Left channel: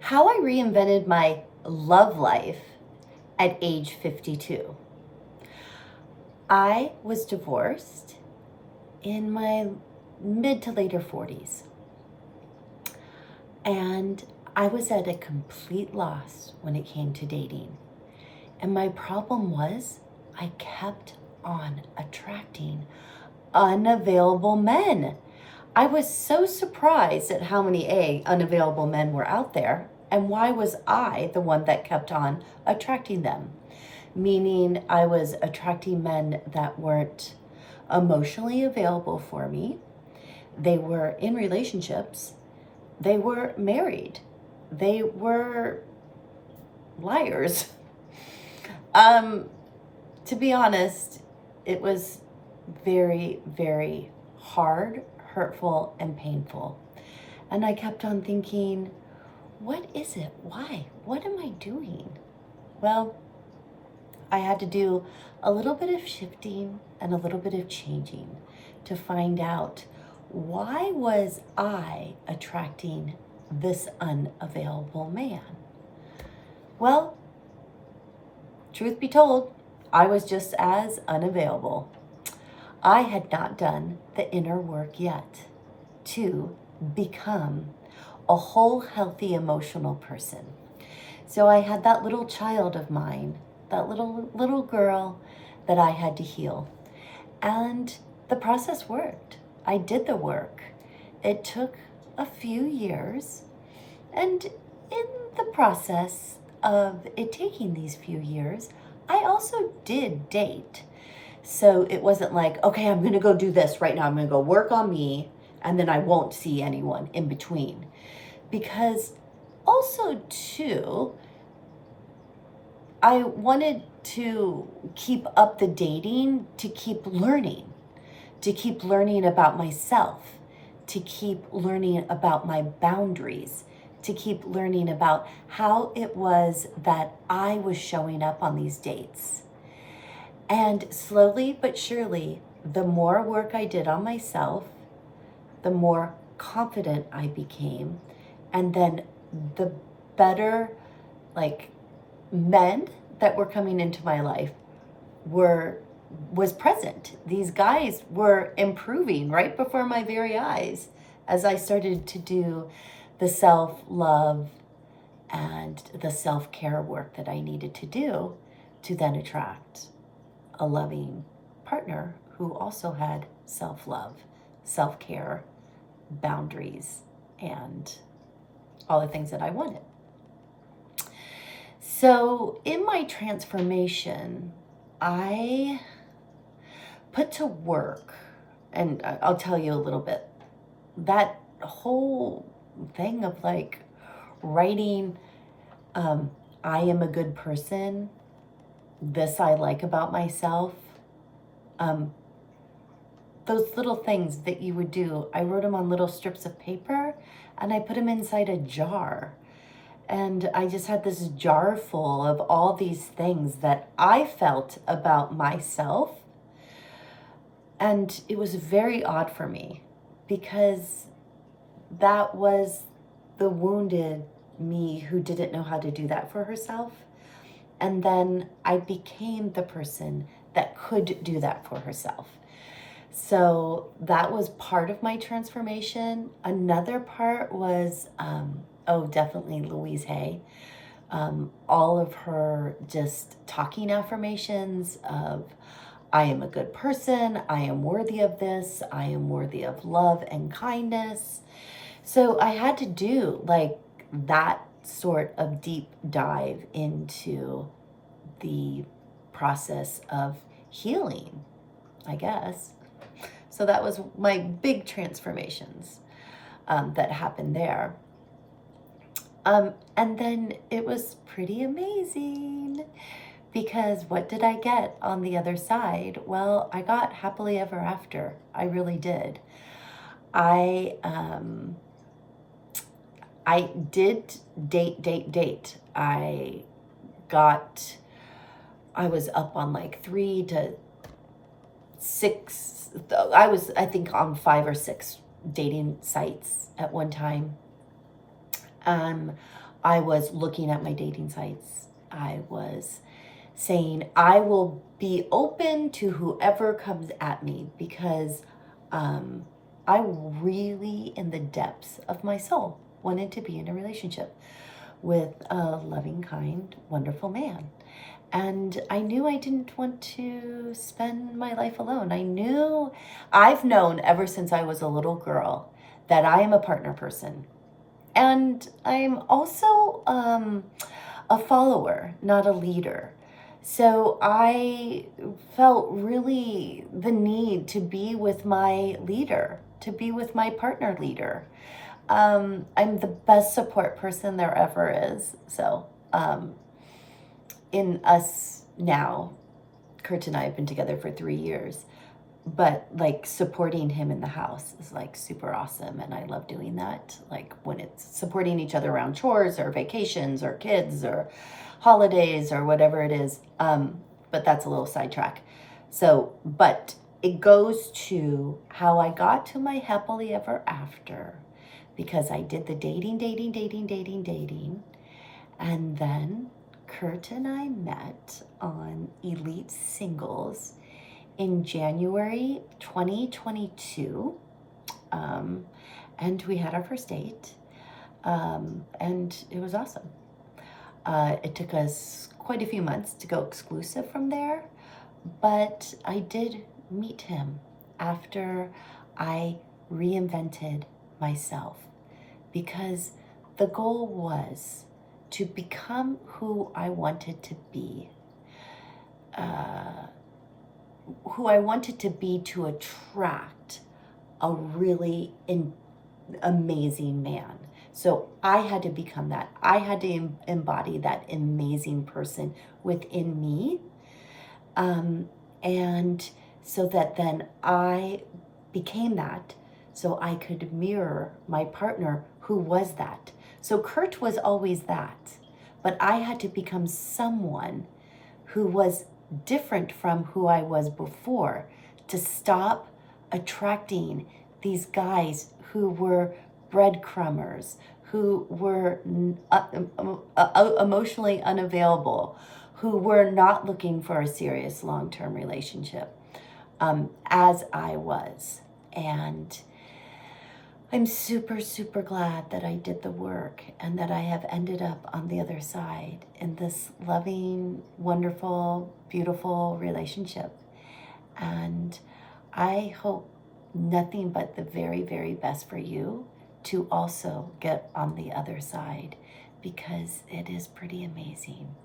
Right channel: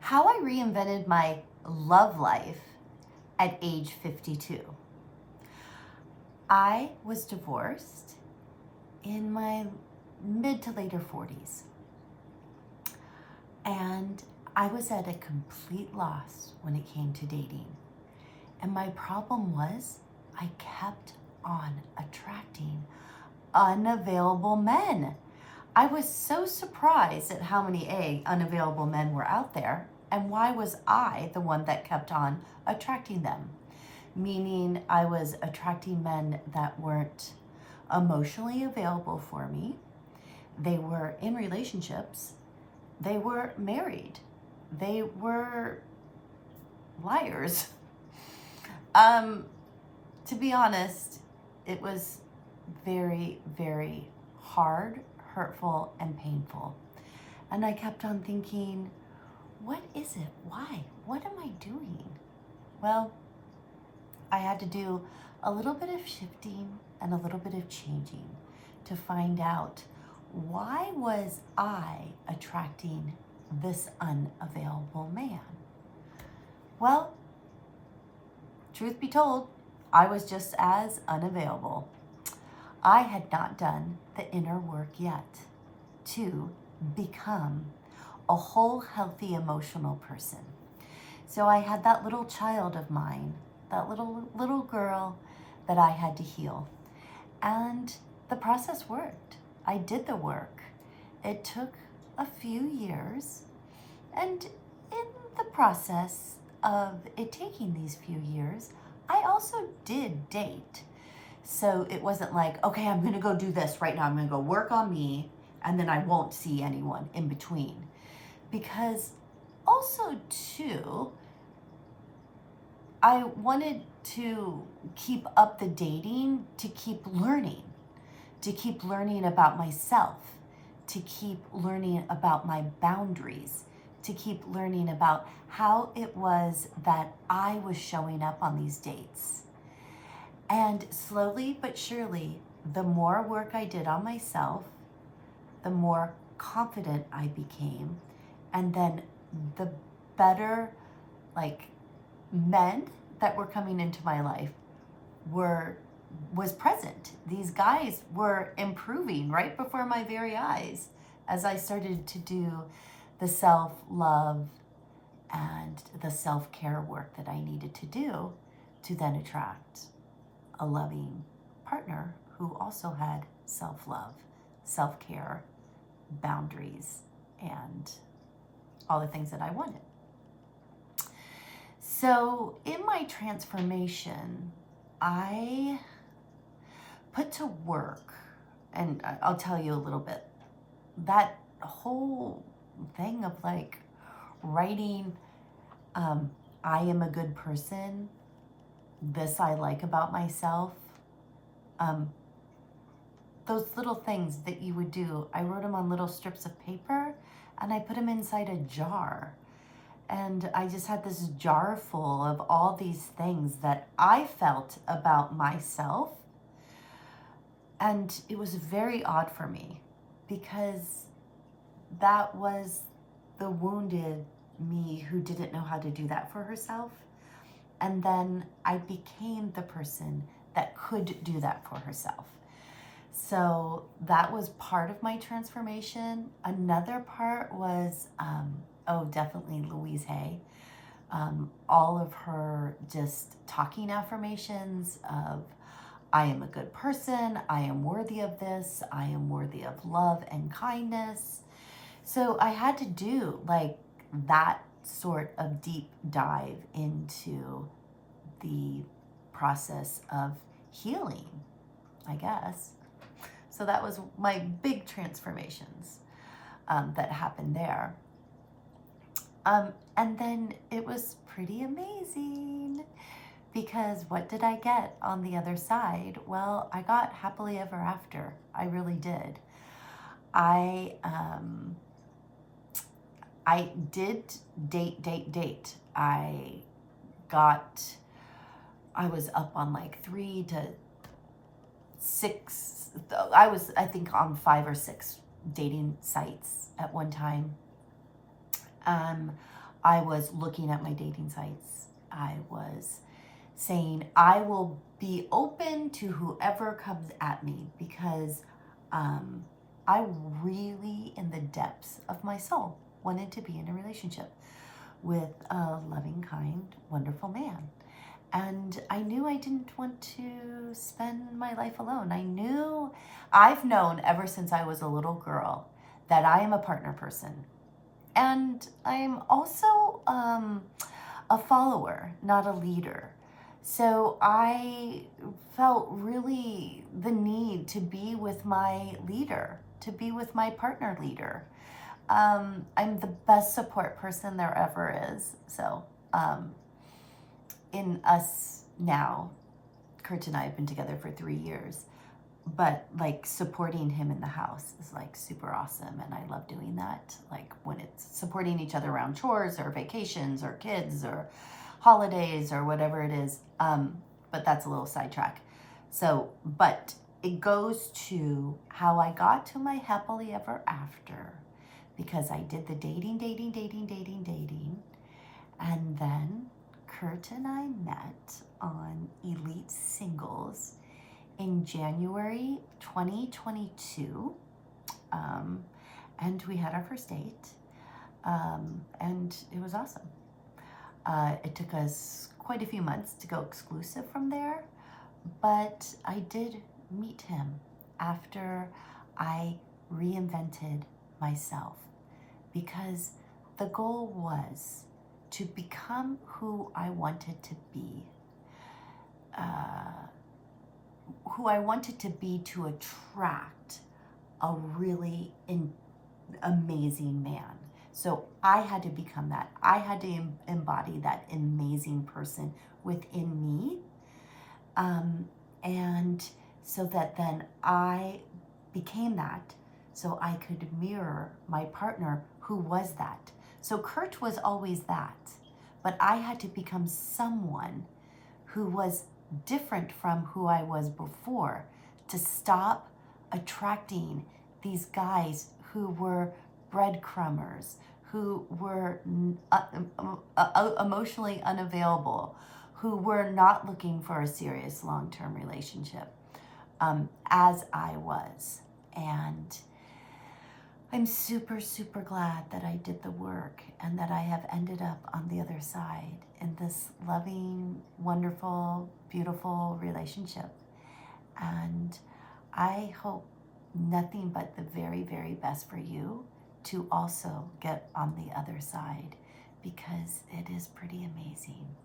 How I reinvented my love life at age 52. I was divorced in my mid to later 40s, and I was at a complete loss when it came to dating. And my problem was I kept on attracting unavailable men. I was so surprised at how many unavailable men were out there, and why was I the one that kept on attracting them? Meaning I was attracting men that weren't emotionally available for me. They were in relationships. They were married. They were liars. To be honest, it was very, very hard, hurtful, and painful. And I kept on thinking, what is it? Why? What am I doing? Well, I had to do a little bit of shifting and a little bit of changing to find out, why was I attracting this unavailable man? Well, truth be told, I was just as unavailable. I had not done the inner work yet to become a whole, healthy, emotional person. So I had that little child of mine, that little girl that I had to heal. And the process worked. I did the work. It took a few years. And in the process of it taking these few years, I also did date. So it wasn't like, okay, I'm going to go do this right now. I'm going to go work on me, and then I won't see anyone in between. Because also, too, I wanted to keep up the dating, to keep learning about myself, to keep learning about my boundaries, to keep learning about how it was that I was showing up on these dates. And slowly but surely, the more work I did on myself, the more confident I became, and then the better, men that were coming into my life was present. These guys were improving right before my very eyes as I started to do the self-love and the self-care work that I needed to do to then attract a loving partner who also had self-love, self-care, boundaries, and all the things that I wanted. So in my transformation, I put to work, and I'll tell you a little bit, that whole thing of writing, I am a good person, this I like about myself, those little things that you would do, I wrote them on little strips of paper and I put them inside a jar. And I just had this jar full of all these things that I felt about myself. And it was very odd for me because that was the wounded me who didn't know how to do that for herself. And then I became the person that could do that for herself. So that was part of my transformation. Another part was, definitely Louise Hay. All of her just talking affirmations of, I am a good person, I am worthy of this, I am worthy of love and kindness. So I had to do that sort of deep dive into the process of healing, I guess. So that was my big transformations that happened there. And then it was pretty amazing because what did I get on the other side? Well, I got happily ever after. I really did. I did date. I was up on 3 to 6. I was, I think, on 5 or 6 dating sites at one time. I was looking at my dating sites. I was saying, I will be open to whoever comes at me because I really, in the depths of my soul, wanted to be in a relationship with a loving, kind, wonderful man. And I knew I didn't want to spend my life alone. I've known ever since I was a little girl that I am a partner person. And I'm also a follower, not a leader. So I felt really the need to be with my leader, to be with my partner leader. I'm the best support person there ever is. So, in us now, Kurt and I have been together for 3 years, but like supporting him in the house is like super awesome. And I love doing that. Like when it's supporting each other around chores or vacations or kids or holidays or whatever it is. But that's a little sidetrack. So, but it goes to how I got to my happily ever after because I did the dating. And then Kurt and I met on Elite Singles in January 2022. And we had our first date. And it was awesome. It took us quite a few months to go exclusive from there, but I did meet him after I reinvented myself because the goal was to become who I wanted to be. To attract a really amazing man. So I had to become that. I had to embody that amazing person within me. And so that then I became that, so I could mirror my partner who was that. So Kurt was always that, but I had to become someone who was different from who I was before to stop attracting these guys who were breadcrumbers, who were emotionally unavailable, who were not looking for a serious long-term relationship, as I was. And I'm super, super glad that I did the work and that I have ended up on the other side in this loving, wonderful, beautiful relationship. And I hope nothing but the very, very best for you to also get on the other side because it is pretty amazing.